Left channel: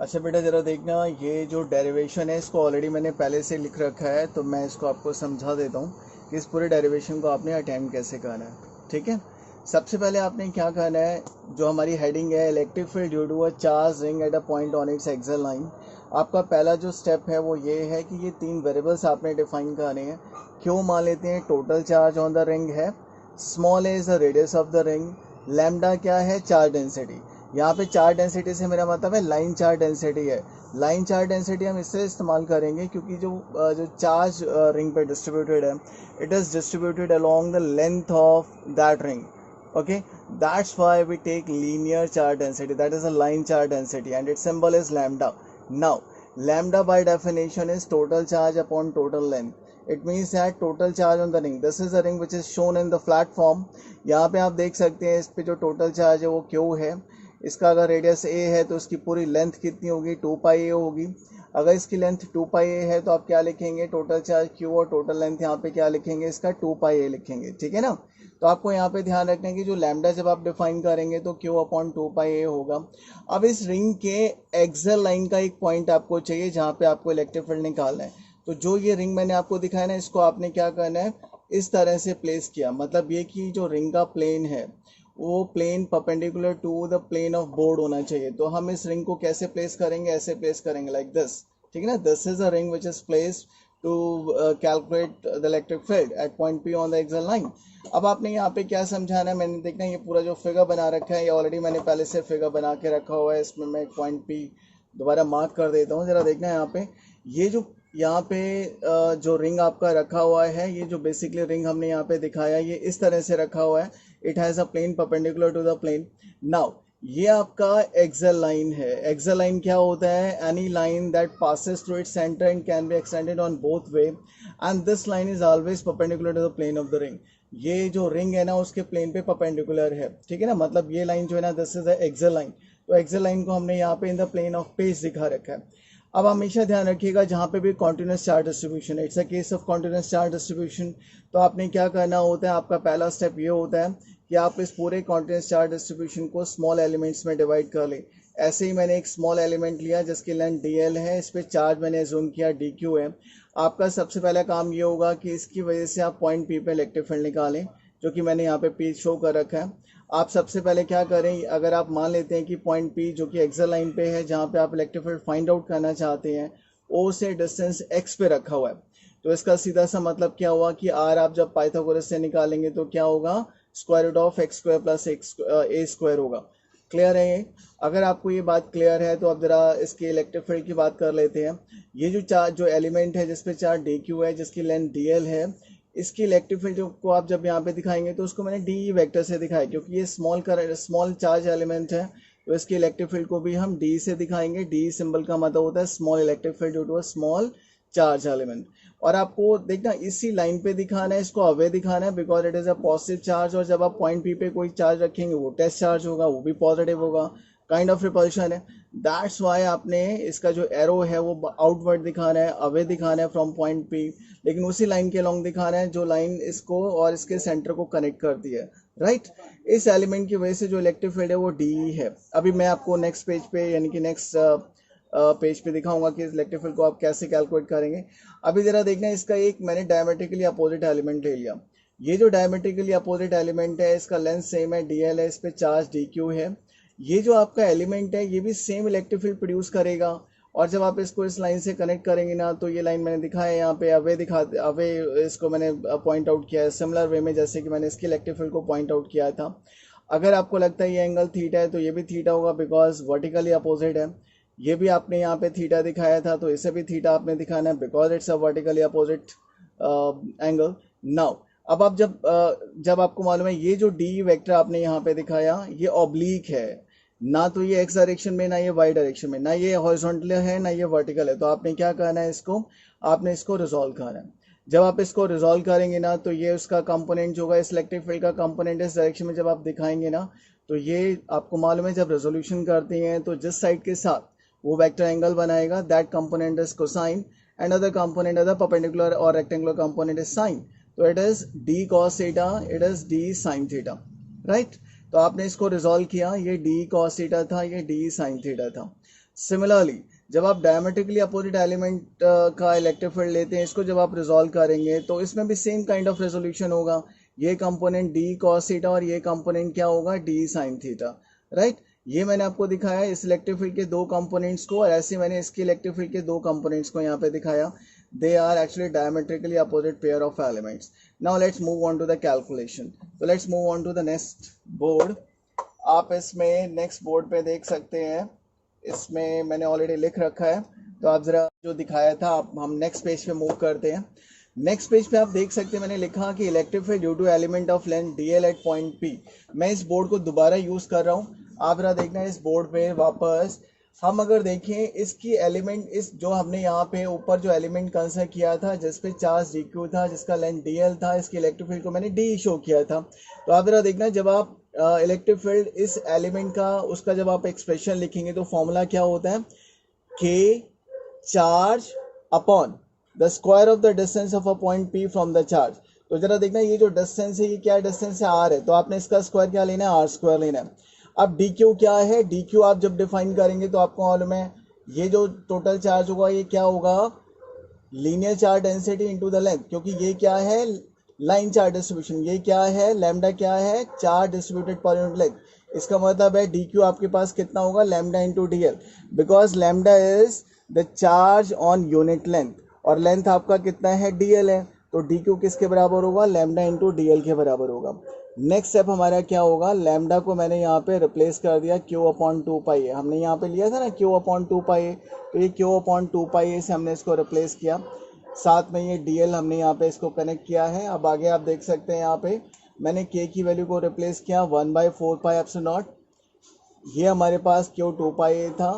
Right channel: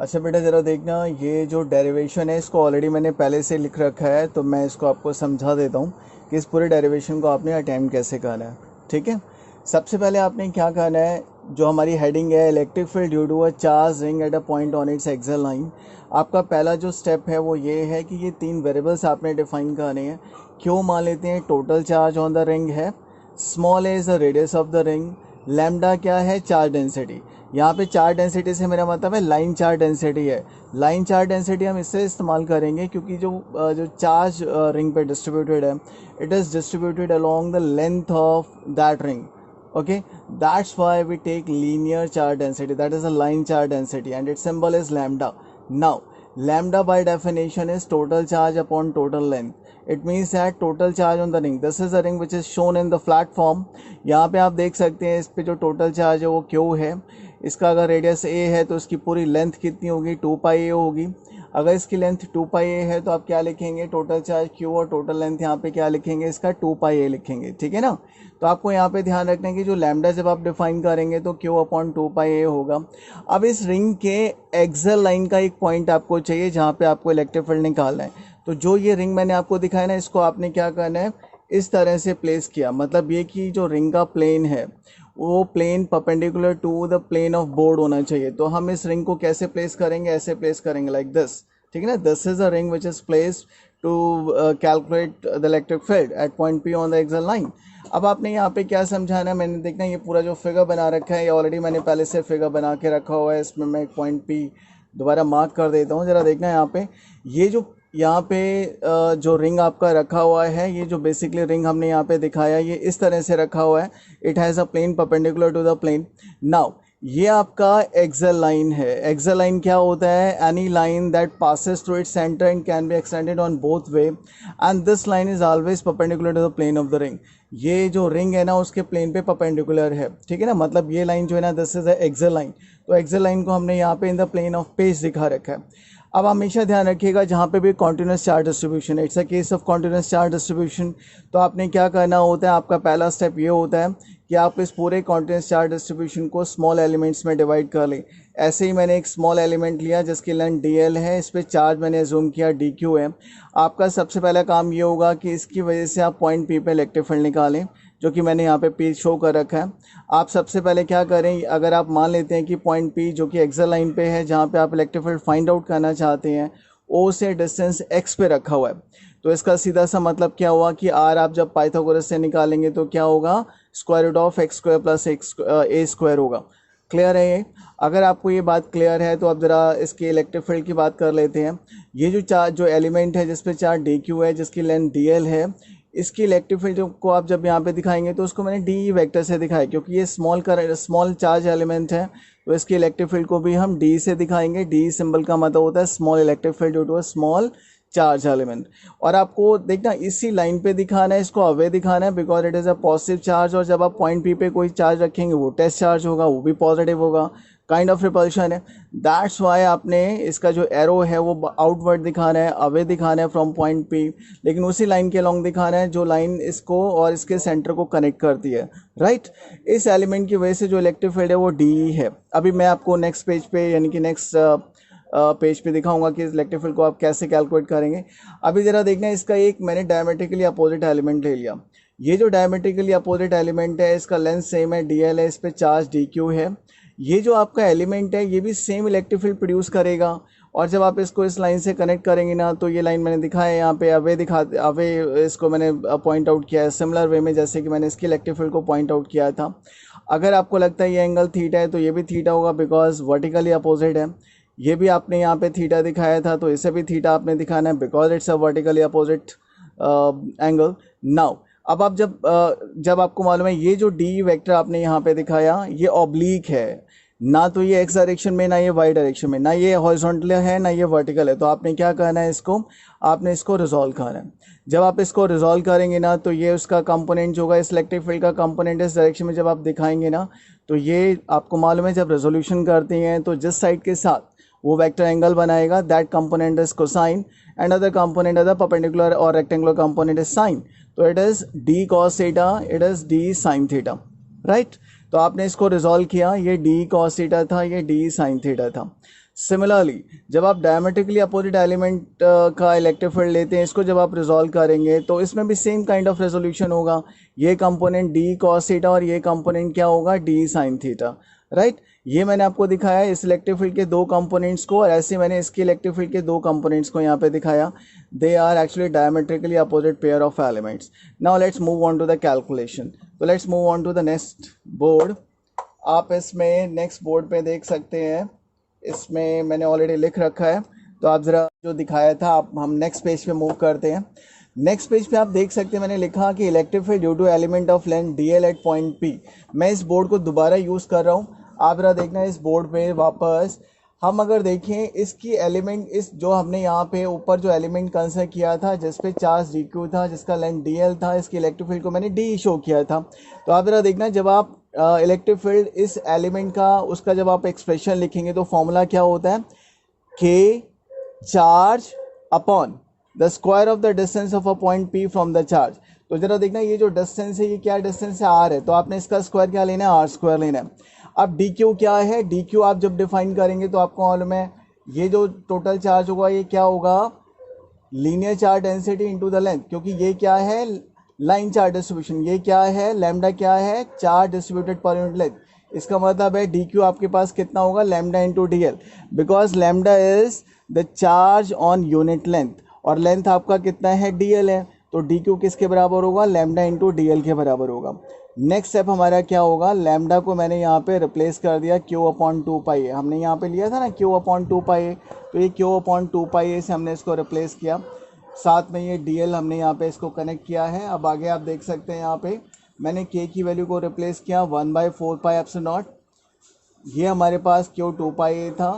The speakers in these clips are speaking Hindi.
अच्छा बेटा ज़रा देखना, ये जो डेरिवेशन है इसको ऑलरेडी मैंने पहले से लिख रखा है, तो मैं इसको आपको समझा देता हूँ कि इस पूरे डेरिवेशन को आपने अटेम्प्ट कैसे करना है। ठीक है, सबसे पहले आपने क्या करना है, जो हमारी हेडिंग है electric field due to a charge ring at a point on its axial line. आपका पहला जो स्टेप है वो ये है कि ये तीन वेरिएबल्स आपने डिफाइन करने हैं। क्यों मान लेते हैं, total charge on the ring है, small a is the radius of the ring, lambda क्या है, चार्ज डेंसिटी। यहाँ पे चार्ज डेंसिटी से मेरा मतलब है लाइन चार्ज डेंसिटी है। लाइन चार्ज डेंसिटी हम इससे इस्तेमाल करेंगे क्योंकि जो चार्ज रिंग पे डिस्ट्रीब्यूटेड है, it is distributed along the length of that ring. Okay, that's why we take linear charge density, that is a line charge density, and its symbol is lambda. Now lambda by definition is total charge upon total length. It means that total charge on the ring, this is a ring which is shown in the flat form. यहाँ पे आप देख सकते हैं इस पे जो टोटल चार्ज है वो क्यू है। इसका अगर रेडियस ए है तो इसकी पूरी लेंथ कितनी होगी, 2 पाई ए होगी। अगर इसकी लेंथ 2 पाई ए है तो आप क्या लिखेंगे, टोटल चार्ज क्यू और टोटल लेंथ यहाँ पे क्या लिखेंगे, इसका 2 पाई ए लिखेंगे। ठीक है ना। तो आपको यहाँ पे ध्यान रखना है कि जो लैम्डा जब आप डिफाइन करेंगे तो क्यू अपॉन 2 पाई ए होगा। अब इस रिंग के एक्सल लाइन का एक पॉइंट आपको चाहिए जहाँ पे आपको इलेक्ट्रिक फील्ड निकालना है। तो जो ये रिंग मैंने आपको दिखाया ना, इसको आपने क्या करना है, इस तरह से प्लेस किया। मतलब ये कि जो रिंग का प्लेन है वो plane perpendicular to the plane of board होना चाहिए। तो हम इस रिंग को कैसे प्लेस करेंगे, ऐसे प्लेस करेंगे लाइक दिस। ठीक है ना, this is a ring which is placed to calculate the electric field at point P on the axial line. अब आपने यहाँ पे क्या समझाना है, मैंने देखना ये पूरा जो फिगर बना रखा है, ये ऑलरेडी मैंने पहले से फिगर बना के रखा हुआ है। इसमें मैं एक पॉइंट पी दोबारा मार्क कर देता हूँ। ज़रा देखना यहाँ पे, ये जो यहाँ पे जो रिंग आपका रखा हुआ है, ये जो बेसिकली रिंग हमने यहाँ पे दिखाया, ये इस तरह से रखा हुआ है। It has a plane perpendicular to the plane. Now ये आपका एक्सल लाइन है। एक्सल लाइन क्या होता है, any line that passes through its centre and can be extended on both way, and this line is always perpendicular to the plane of the ring. ये जो रिंग है ना उसके प्लेन पे परपेंडिकुलर है। ठीक है ना, मतलब ये लाइन जो है ना, this is the axial line. तो एक्सल लाइन को हमने यहाँ पे in the plane of page दिखा रखा है। अब हमेशा ध्यान रखिएगा जहाँ पे भी कॉन्टिन्यूस चार्ज डिस्ट्रीब्यूशन है, it's a case of continuous charge distribution, तो आपने क्या करना होता है, आपका पहला स्टेप ये होता है कि आप इस पूरे कॉन्टिन्यूस चार्ज डिस्ट्रीब्यूशन को स्मॉल एलिमेंट्स में डिवाइड कर लें। ऐसे ही मैंने एक स्मॉल एलिमेंट लिया जिसकी लेंथ डी है, इस पर चार्ज मैंने जूम किया डी है। आपका सबसे पहला काम ये होगा कि इसकी वजह से आप पॉइंट पी पे इलेक्ट्रिक फील्ड निकालें, जो कि मैंने यहाँ पे पी शो कर रखा है। आप सबसे पहले क्या करें, अगर आप मान लेते हैं कि पॉइंट पी जो कि एक्सल लाइन पे है, जहाँ पे आप इलेक्ट्रिक फील्ड फाइंड आउट करना चाहते हैं, ओ से डिस्टेंस एक्स पे रखा हुआ है। तो इसका सीधा सा मतलब क्या हुआ कि आर आप जब पाइथागोरस से निकालेंगे तो क्या होगा, square root of x square plus x a square होगा। क्लियर है ये? अगर आपको ये बात क्लियर है तो अब ज़रा इसके इलेक्ट्रिक फील्ड की बात कर लेते हैं। ये जो चार्ज जो एलिमेंट है जिसपे चार्ज डी क्यू है, जिसकी लेंथ डी एल है, इसकी इलेक्ट्रिक फील्ड को आप जब यहाँ पे दिखाएंगे तो उसको मैंने डी वेक्टर से दिखाया, क्योंकि ये स्मॉल चार्ज एलिमेंट है। तो इसकी इलेक्ट्रिक फील्ड को भी हम डी से दिखाएंगे। डी सिंबल का मतलब होता है small electric field due to a small charge element. और आपको देखना इसी लाइन पे दिखाना है, इसको अवे दिखाना है, because it is a positive charge. और जब आप पॉइंट पी पे कोई चार्ज रखेंगे वो टेस्ट चार्ज होगा, वो भी पॉजिटिव होगा, काइंड ऑफ रिपल्शन है। दैट्स वाई आपने इसका जो एरो है वो आउटवर्ड दिखाना है, अवे दिखाना है फ्रॉम पॉइंट पी, लेकिन उसी लाइन के लॉन्ग दिखाना है जो लाइन इसको और इसके सेंटर को कनेक्ट करती है। राइट, इस एलिमेंट की वजह से जो इलेक्ट्रिक फील्ड है वो डी है। अभी मैं आपको नेक्स्ट पेज पे यानी कि नेक्स्ट पेज पे दिखाऊंगा कि इस इलेक्ट्रिक फील्ड को आप कैसे कैलकुलेट करेंगे। अभी ज़रा देखना, इसका एक मैंने डायमेट्रिकली अपोजिट एलिमेंट ले लिया। ये जो डायमेट्रिकली अपोजिट एलिमेंट है इसका लेंथ सेम है, डी एल है, इस पर चार्ज डी क्यू है। ये जो आपका एलिमेंट है ये भी सेम इलेक्ट्रिक फील्ड प्रोड्यूस करेगा। और जब आप इसको इस लाइन से कनेक्ट करेंगे ना, तो ये लाइन मैंने दिखाया है यहाँ पे, अवे इसको मैंने पॉइंट आउट किया है सिमिलर वे में जैसे कि मैंने इसकी इलेक्ट्रिक फील्ड को पॉइंट आउट किया था। अगर आपको लगता है ये एंगल थीटा है तो ये भी थीटा होगा, बिकॉज वर्टिकली अपोजिट है। ये भी आपने यहाँ पे थीटा दिखाया था तो इसे भी थीटा आपने दिखाना है, because it's a vertically opposite angle. Now अब आप जब आपको मालूम है ये जो डी वेक्टर आपने यहाँ पे दिखाया ये ऑब्लीक है, ना तो ये एक्स डायरेक्शन में, ना ये वाई डायरेक्शन में, ना ये हॉरिजॉन्टल है, ना ये वर्टिकल है। तो आपने क्या करना है, आपने इसको रिजॉल्व करना है। जब आप इसको रिजॉल्व करेंगे ना तो ये उसका कंपोनेंट जो होगा, इस इलेक्ट्रिक फील्ड का कंपोनेंट इस डायरेक्शन में जब आप दिखाएंगे ना, तो ये आपको मालूम है जब रेजोल्यूशन करते हैं तो जिस साइड के साथ वो वेक्टर एंगल बनाएगा that component is cosine, and other component other perpendicular और रेक्टेंगुलर कंपोनेंट इज साइन। तो it is D cos theta, it is D sine theta. Right, तो आपने इसको रिजॉल्व किया, ये डी कॉस थीटा था, ये डी साइन थीटा था। सिमिलरली जब आप डायमेट्रिकली अपोजिट एलिमेंट का इलेक्ट्रिक फील्ड लेते हैं, इसको जब आप रिजॉल्व करेंगे तो इसमें भी सेम काइंड ऑफ रेजोल्यूशन होगा। ये कंपोनेंट डी कॉस थीटा और ये कंपोनेंट क्या होगा, डी साइन थीटा, राइट। ये मैंने आपको दिखाया इस इलेक्ट्रिक फील्ड के दो कंपोनेंट्स को, और ऐसे मैंने इसके इलेक्ट्रिक फील्ड के दो कंपोनेंट्स को यहाँ पे दिखाया। They are actually diametrically opposite pair of elements. Now let's move on to the calculation. तो let's move on to the next board. आप इसमें नेक्स्ट बोर्ड पे देख सकते हैं, इसमें मैंने ऑलरेडी लिख रखा है, तो आप ज़रा जो दिखाया था आप हम नेक्स्ट पेज पे मूव करते हैं। नेक्स्ट पेज पे आप देख सकते हैं मैंने लिखा कि electric field due to element of length d l at point P. मैं इस बोर्ड को दोबारा यूज़ कर रहा हूँ, आप ज़रा देखना इस बोर्ड पे वापस। हम अगर देखें इसकी एलिमेंट, इस जो हमने यहाँ पे ऊपर जो एलिमेंट कंसिडर किया था जिस पे चार्ज डी क्यू था, जिसका लेंथ डी एल था, इसकी इलेक्ट्रिक फील्ड को मैंने डी शो किया था। तो आप ज़रा देखना जब आप इलेक्ट्रिक फील्ड इस एलिमेंट का उसका जब आप एक्सप्रेशन लिखेंगे तो फॉर्मूला क्या होता है, के charge upon the square of the distance of a point P from the charge. तो जरा देखना ये जो डिस्टेंस है ये क्या डिस्टेंस है, आर है, तो आपने इसका स्क्वायर क्या लेना है, आर स्क्वायर लेना है। अब डी क्यू क्या है, डी क्यू आप जब डिफाइन करेंगे तो आपको मालूम है ये जो टोटल चार्ज होगा ये क्या होगा, linear charge density into the length, क्योंकि ये क्या है, लाइन चार्ज डिस्ट्रीब्यूशन, ये क्या है, लैम्डा क्या है, charge distributed per unit length. इसका मतलब है डी क्यू आपके पास कितना होगा, lambda into D L, because lambda is the charge on unit length और लेंथ आपका कितना है, डी एल है, तो डी क्यू किसके बराबर होगा, लैम्डा इंटू डी एल के बराबर होगा। नेक्स्ट स्टेप हमारा क्या होगा, लैम्डा को मैंने यहाँ पे रिप्लेस कर दिया क्यू अपॉन टू पाई ए, हमने यहाँ पे लिया था ना क्यू अपॉन टू पाई ए, तो ये क्यू अपॉन टू पाई ए से हमने इसको रिप्लेस किया, साथ में ये डी एल हमने यहाँ पे इसको कनेक्ट किया है। अब आगे आप देख सकते हैं यहाँ पे मैंने के की वैल्यू को रिप्लेस किया 1/4 पाई एप्सिलॉन नॉट, ये हमारे पास क्यू टू पाई ए था,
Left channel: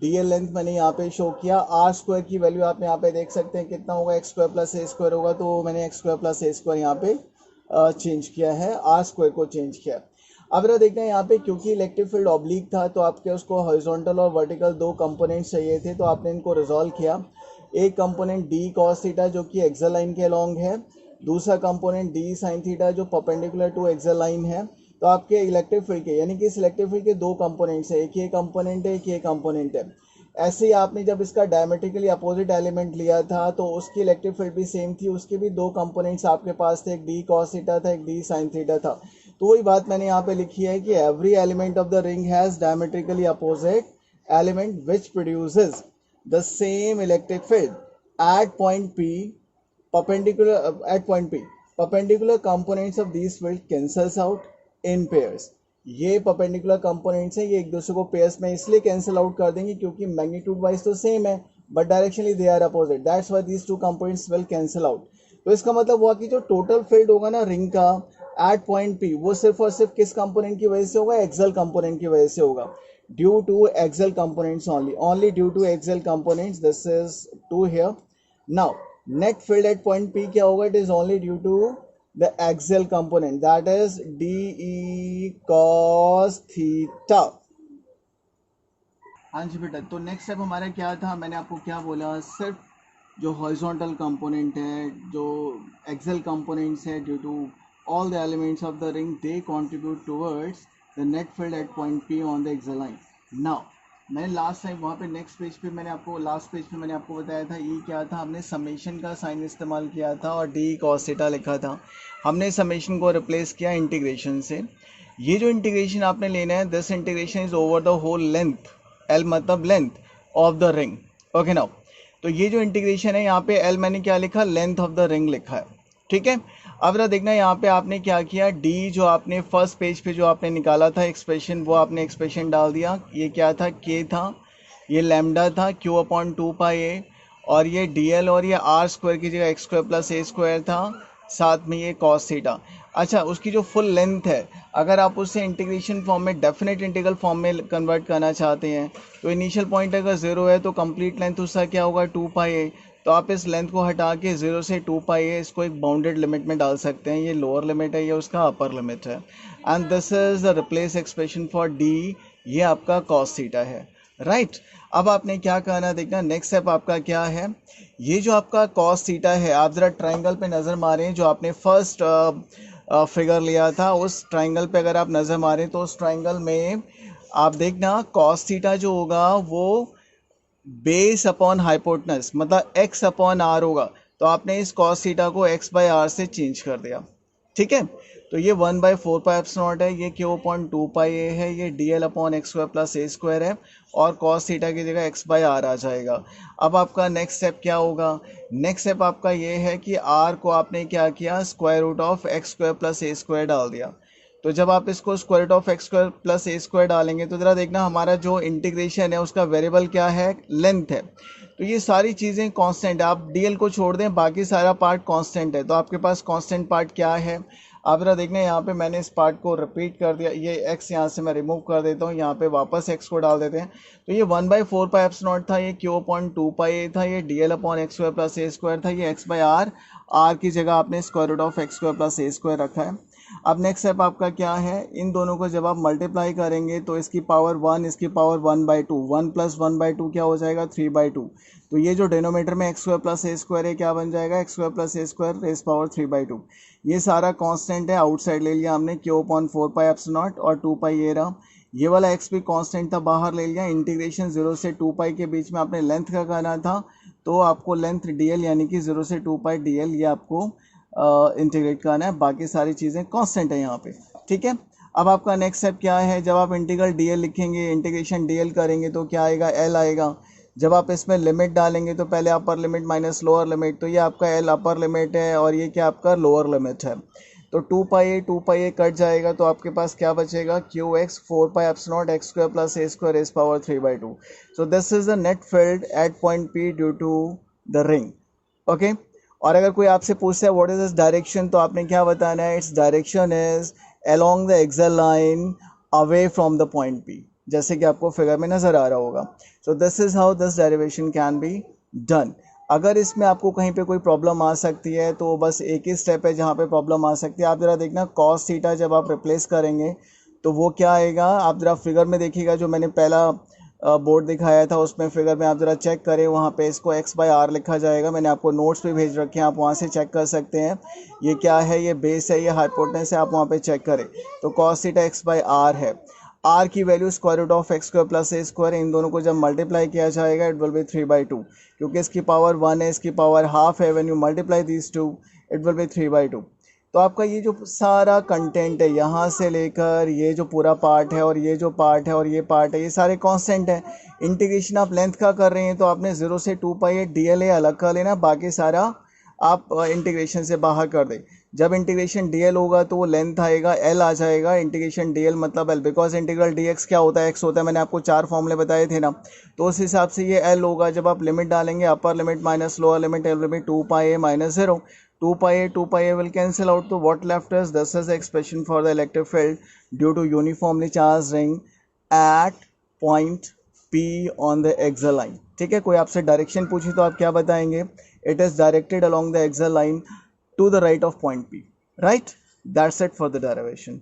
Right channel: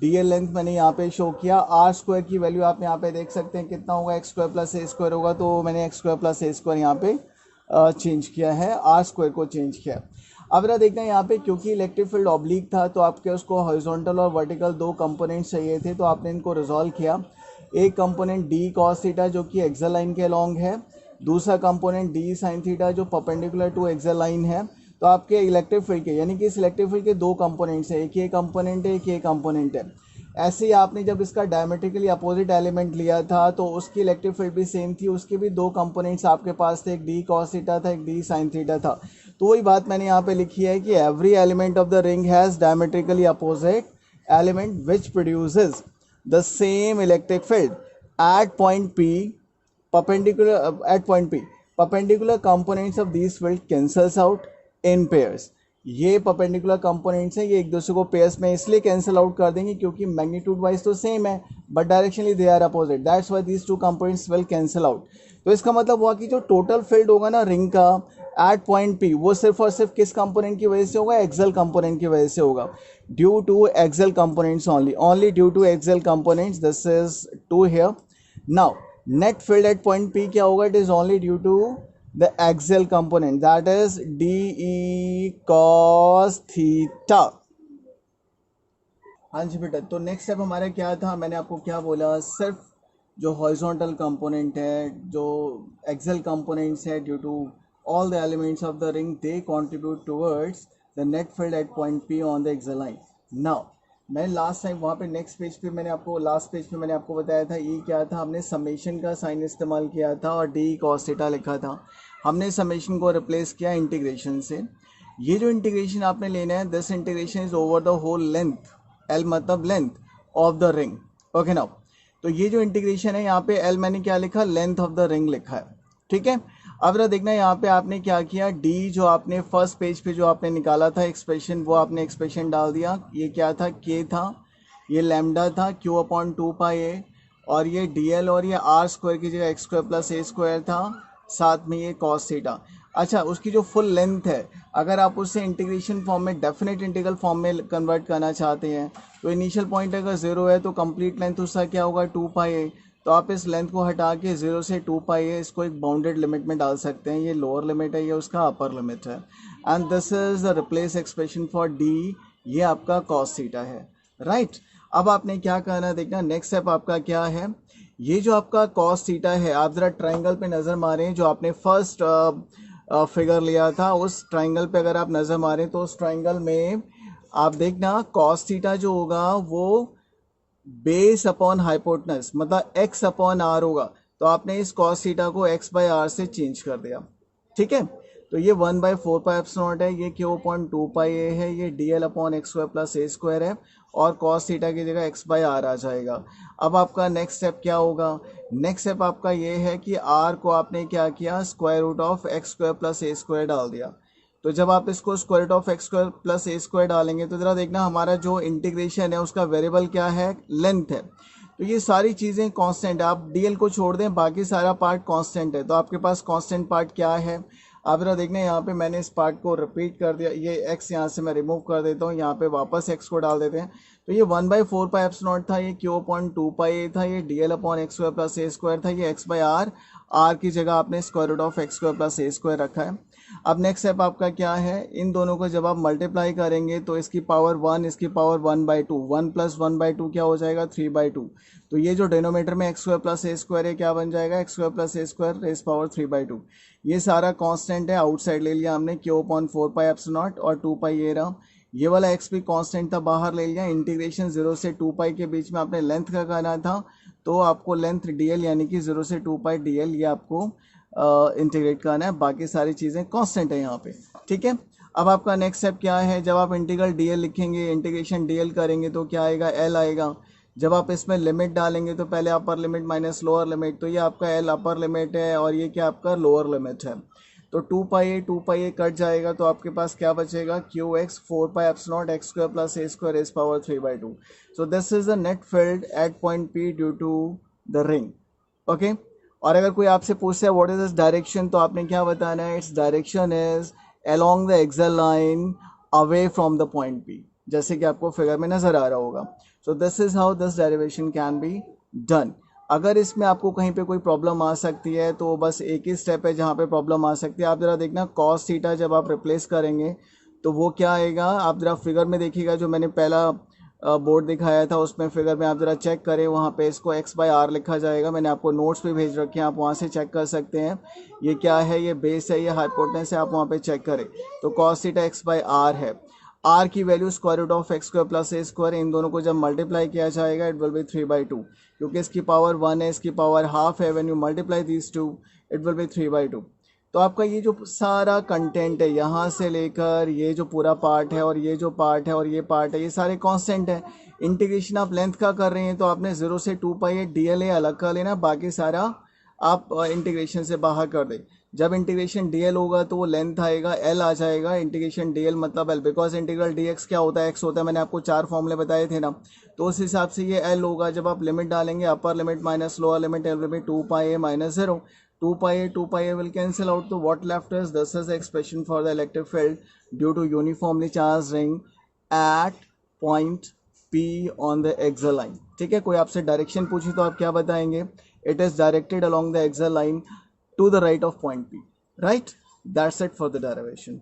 डी एल लेंथ मैंने यहाँ पे शो किया, आर स्क्वायर की वैल्यू आप यहाँ पे देख सकते हैं कितना होगा, एक्स स्क्वायर प्लस ए स्क्वायर होगा, तो मैंने एक्स स्क्वायर प्लस ए स्क्वायर यहाँ पे चेंज किया है, आर स्क्वायर को चेंज किया। अब जरा देखते हैं यहाँ पे क्योंकि इलेक्ट्रिक फील्ड ऑब्लिक था तो आपके उसको हॉरिजॉन्टल और वर्टिकल दो कंपोनेंट्स चाहिए थे, तो आपने इनको रिजॉल्व किया। एक कंपोनेंट डी कॉस थीटा जो कि एक्सल लाइन के अलॉन्ग है, दूसरा कंपोनेंट डी साइन थीटा जो परपेंडिकुलर टू एक्सल लाइन है। तो आपके इलेक्ट्रिक फील्ड के यानी कि इस इलेक्ट्रिक फील्ड के दो कंपोनेंट्स है, एक ये कंपोनेंट है, एक ये कंपोनेंट है। ऐसे ही आपने जब इसका डायमेट्रिकली अपोजिट एलिमेंट लिया था तो उसकी इलेक्ट्रिक फील्ड भी सेम थी, उसके भी दो कंपोनेंट्स आपके पास थे, एक डी कॉस थीटा था, एक डी साइन थीटा था। तो वही बात मैंने यहाँ पे लिखी है कि every element of the ring has diametrically opposite element which produces the same electric field at point P perpendicular components of these field cancels out in pairs। ये परपेंडिकुलर कंपोनेंट्स हैं, ये एक दूसरे को पेयर्स में इसलिए कैंसिल आउट कर देंगे क्योंकि मैग्नीट्यूड वाइज तो सेम है but directionally they are opposite, that's why these two components will cancel out. तो इसका मतलब हुआ कि जो टोटल फील्ड होगा ना रिंग का एट पॉइंट पी, वो सिर्फ और सिर्फ किस कंपोनेंट की वजह से होगा, एक्सल कंपोनेंट की वजह से होगा, due to axial components only due to axial components, this is to here. Now net field at point P क्या होगा, it is only due to the axial component, that is DE cos theta। हाँ जी बेटा, तो नेक्स्ट स्टेप हमारा क्या था, मैंने आपको क्या बोला, सिर्फ जो हॉरिजॉन्टल कंपोनेंट है, जो एक्सल कंपोनेंट्स है, due to all the elements of the ring they contribute towards the net field at point P on the axial line. Now मैंने लास्ट टाइम वहाँ पे नेक्स्ट पेज पे मैंने आपको लास्ट पेज पे मैंने आपको बताया था ये क्या था, हमने समेशन का साइन इस्तेमाल किया था और डी कॉस थीटा लिखा था, हमने समेशन को रिप्लेस किया इंटीग्रेशन से। ये जो इंटीग्रेशन आपने लेना है, this integration is over the whole length, L मतलब length of the ring, okay now. तो ये जो इंटीग्रेशन है यहाँ पे एल मैंने क्या लिखा, लेंथ ऑफ द रिंग लिखा है, ठीक है। अब जरा देखना यहाँ पे आपने क्या किया, डी जो आपने फर्स्ट पेज पे जो आपने निकाला था एक्सप्रेशन, वो आपने एक्सप्रेशन डाल दिया। ये क्या था, के था, ये लैम्डा था, क्यू अपॉन टू पाई ए, और ये डी एल और ये आर स्क्वायर की जगह एक्स स्क्वायर प्लस ए स्क्वायर था, साथ में ये कॉस थीटा। अच्छा, उसकी जो फुल लेंथ है अगर आप उसे इंटीग्रेशन फॉर्म में डेफिनेट इंटीग्रल फॉर्म में कन्वर्ट करना चाहते हैं तो इनिशियल पॉइंट अगर ज़ीरो है तो कंप्लीट लेंथ उसका क्या होगा, टू पाई ए। तो आप इस लेंथ को हटा के 0 से 2 पाई है, इसको एक बाउंडेड लिमिट में डाल सकते हैं, ये लोअर लिमिट है, ये उसका अपर लिमिट है। And this is the replace expression for D, ये आपका कॉस थीटा है, राइट। अब आपने क्या करना देखना, नेक्स्ट स्टेप आपका क्या है, ये जो आपका कॉस थीटा है, आप ज़रा ट्राइंगल पे नज़र मारें जो आपने फर्स्ट फिगर लिया था, उस ट्राइंगल पे अगर आप नज़र मारें तो उस ट्राइंगल में आप देखना कॉस थीटा जो होगा वो बेस अपॉन हाइपोटेनस मतलब x अपॉन आर होगा, तो आपने इस कॉस थीटा को x बाय आर से चेंज कर दिया। ठीक है, तो ये 1/4 पाई एप्सिलॉन है, ये q अपॉन 2 पाई a है, ये dl upon X square plus ए स्क्वायर है, और कॉस थीटा की जगह x बाय आर आ जाएगा। अब आपका नेक्स्ट स्टेप क्या होगा? नेक्स्ट स्टेप आपका ये है कि r को आपने क्या किया, square root of x square plus A square डाल दिया। तो जब आप इसको square root of x square plus A square डालेंगे तो ज़रा देखना हमारा जो इंटीग्रेशन है उसका वेरिएबल क्या है, लेंथ है। तो ये सारी चीज़ें कांस्टेंट है, आप डीएल को छोड़ दें बाकी सारा पार्ट कांस्टेंट है। तो आपके पास कांस्टेंट पार्ट क्या है, आप ज़रा देखना, यहाँ पे मैंने इस पार्ट को रिपीट कर दिया, ये एक्स यहाँ से मैं रिमूव कर देता हूँ, यहाँ पे वापस एक्स को डाल देते हैं। तो ये 1/4 पाई एप्सिलॉन था, ये क्यू अपॉन 2 पाई था, ये DL upon X square plus ए स्क्वायर था, ये एक्स बाई आर, आर की जगह आपने square root of x square plus A square रखा है। अब नेक्स्ट स्टेप आपका क्या है, इन दोनों को जब आप मल्टीप्लाई करेंगे तो इसकी पावर 1, इसकी पावर 1/2, 1 प्लस 1/2 क्या हो जाएगा, 3/2। तो ये जो डिनोमीटर में एक्स स्क्वायर प्लस ए स्क्वायर है क्या बन जाएगा, एक्स स्क्वायर प्लस ए स्क्वायर रेस पावर 3/2। ये सारा कांस्टेंट है, आउटसाइड ले लिया हमने, क्यू अपॉन 4 पाई एप्सिलॉन और 2 पाई ये रहा। ये वाला एक्स भी कांस्टेंट था, बाहर ले लिया। इंटीग्रेशन 0 से 2 पाई के बीच में आपने लेंथ का करना था, तो आपको लेंथ डीएल यानी कि 0 से 2 पाई डीएल ये आपको इंटीग्रेट करना है। बाकी सारी चीज़ें कांस्टेंट है यहाँ पे। ठीक है, अब आपका नेक्स्ट स्टेप क्या है, जब आप इंटीग्रल डीएल लिखेंगे, इंटीग्रेशन डीएल करेंगे तो क्या आएगा, एल आएगा। जब आप इसमें लिमिट डालेंगे तो पहले upper limit minus lower limit, तो ये आपका एल अपर लिमिट है और ये क्या आपका लोअर लिमिट है। तो 2 पाई ए कट जाएगा, तो आपके पास क्या बचेगा, q x 4 pi epsilon x square plus A square is power 3/2। So this is the net field at point P due to the ring. Okay, और अगर कोई आपसे पूछता है व्हाट इज दिस डायरेक्शन, तो आपने क्या बताना है, its direction is along the axial line away from the point P, जैसे कि आपको फिगर में नज़र आ रहा होगा। सो this is how this derivation can be done. अगर इसमें आपको कहीं पे कोई प्रॉब्लम आ सकती है तो बस एक ही स्टेप है जहाँ पे प्रॉब्लम आ सकती है। आप ज़रा देखना कॉस थीटा जब आप रिप्लेस करेंगे तो वो क्या आएगा, आप ज़रा फिगर में देखिएगा, जो मैंने पहला बोर्ड दिखाया था उसमें फिगर में आप ज़रा चेक करें, वहाँ पे इसको एक्स बाई आर लिखा जाएगा। मैंने आपको नोट्स पे भेज रखे हैं, आप वहाँ से चेक कर सकते हैं। ये क्या है, ये बेस है, ये हाइपोटेनस है, आप वहाँ पे चेक करें। तो cos theta X by R है, आर की value square root of x square plus A square, इन दोनों को जब मल्टीप्लाई किया जाएगा इट विल बी 3/2, क्योंकि इसकी पावर 1 है, इसकी पावर हाफ है। When you multiply these two it will be 3/2। तो आपका ये जो सारा कंटेंट है यहाँ से लेकर ये जो पूरा पार्ट है और ये जो पार्ट है और ये पार्ट है, ये सारे कांस्टेंट है। इंटीग्रेशन आप लेंथ का कर रहे हैं तो आपने 0 से 2 पाई डीएल अलग कर लेना, बाकी सारा आप इंटीग्रेशन से बाहर कर दें। जब इंटीग्रेशन डीएल होगा तो वो लेंथ आएगा, एल आ जाएगा। इंटीग्रेशन डीएल मतलब एल, बिकॉज इंटीग्रल डीएक्स क्या होता है, एक्स होता है, मैंने आपको 4 फॉर्मूले बताए थे ना, तो उस हिसाब से ये एल होगा। जब आप लिमिट डालेंगे, upper limit minus lower limit, L will be 2 pi minus 0, 2 pi will cancel out, तो what left is, this is the expression for the electric field due to uniformly charged ring at point P on the axial line। ठीक है, कोई आपसे डायरेक्शन पूछी तो आप क्या बताएंगे, it is directed along the axial line to the right of point P, right? That's it for the derivation।